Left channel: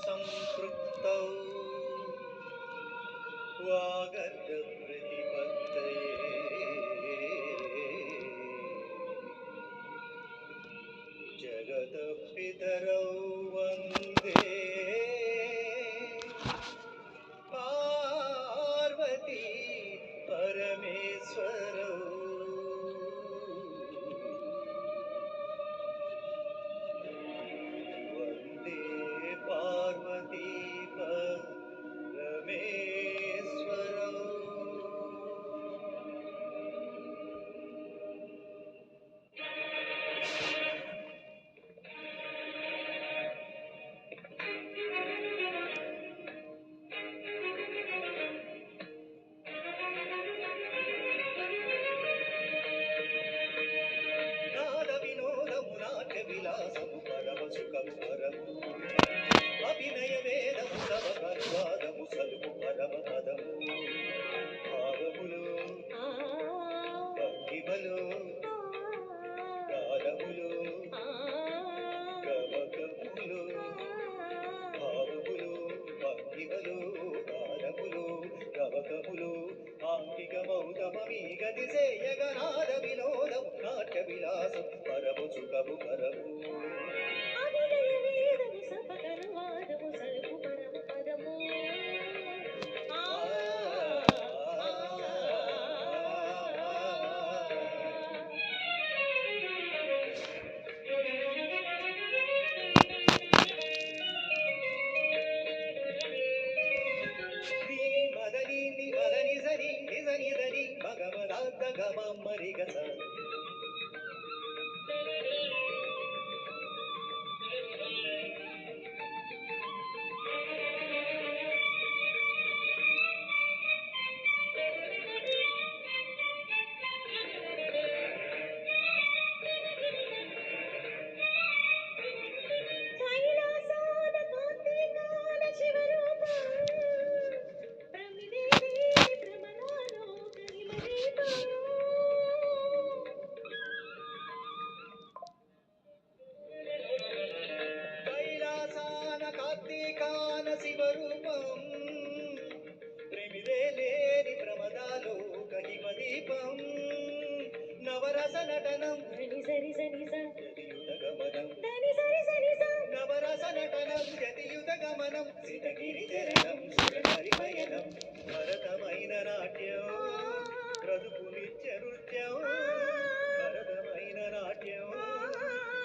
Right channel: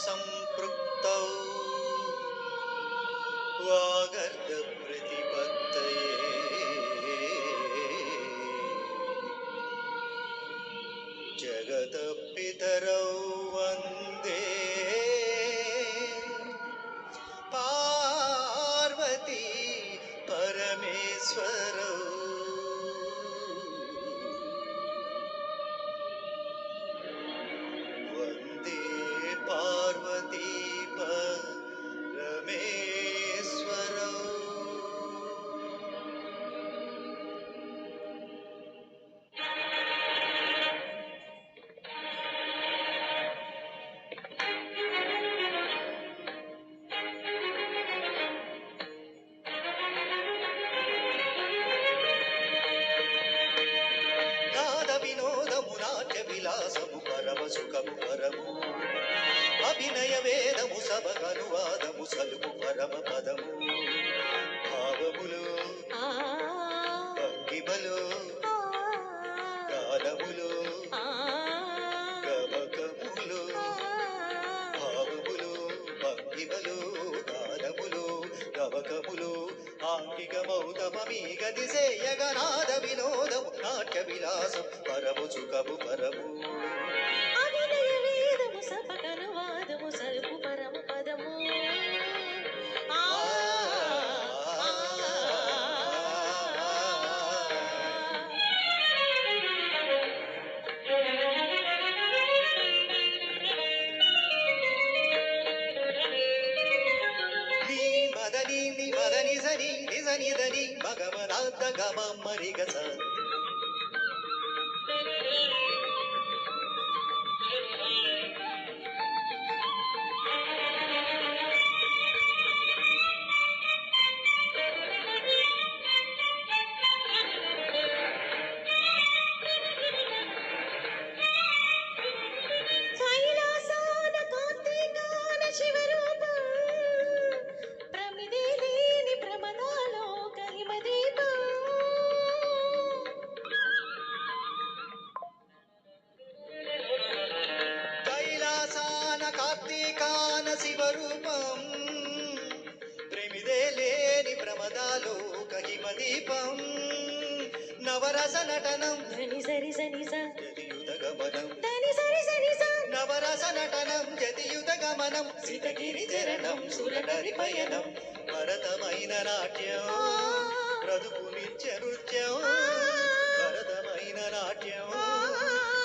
సంపృక్తౌ వాగర్ధ ప్రతిపత్తయే జగత పితరౌ వందే పార్వతీ పరమేశ్వరౌ వందే పార్వతీ పరమేశ్వరౌ. నాద వినోదము నాట్య విలాసము పరమ సుఖము పరము అభినయ వేదము సదగనువాదము సలుపు పరమ పదము భావములు భంగిమలు గానములు గమకములు భావములు భంగిమలు గానములు గమకములు ఆంగికమౌతమీ గతి సేయగనాద వినోదము నాట్య విలాసం పరము సుఖము పరము అభినయ వేదము సపకనువాదము సలుపు పరమ పదము నీ మదని ని మదని సని నిజని దని మగమనాద గమ మరిగస కైలాసాన కార్తీకాన శివరూపం ప్రమిదేవి ప్రమదాలో కరిమదీపం కైలాసాన కార్తీకాన శివరూపం ప్రేమిదే లేని ప్రమదాలో కహిమ దీపం నవరస నటనం ధని సరి సని స జతియుత గమనం ధని సరి సని స నవరస నటనం జతియుత గమనం సీతగిరి చరణం సురహరి పయనం భరతమైన నాట్యం బ్రతుకు నిత్య నృత్యం భరతమైన నాట్యం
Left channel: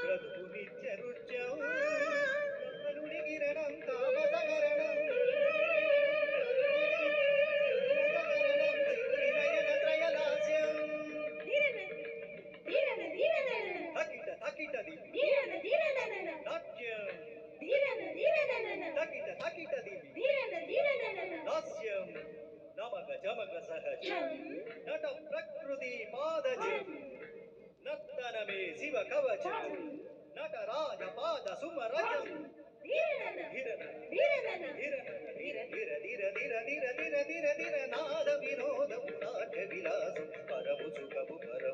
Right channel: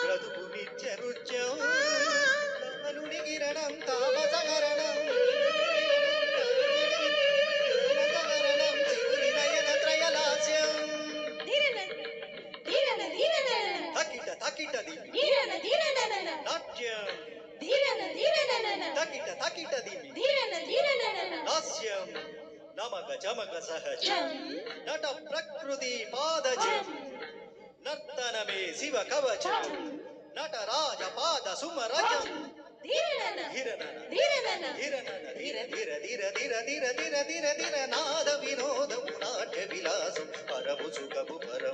బ్రతుకు నిత్య నృత్యం అనుని కిరణం తామసకరణం శివుని నయన త్రయలాస్యం ధీరన ధీరన ధీరన తకిట తకిట దివి ధీరన ధీరన నాట్యం ధీరన ధీరన తకిట తకిట దివి ధీరన ధీరన హాస్యం నమక చమక సహజ జం నట ప్రకృతి పాదజం నర్తనమే శివ కవచం నటరాజ పాద సుమరజం ధీరన హిరణన ధీరన హిరణన ధీర ధీర ధీర ధీర ధీర ధీర ధీర ధీర నాద వినోదము నాట్య విలాసం పరము సుఖము పరము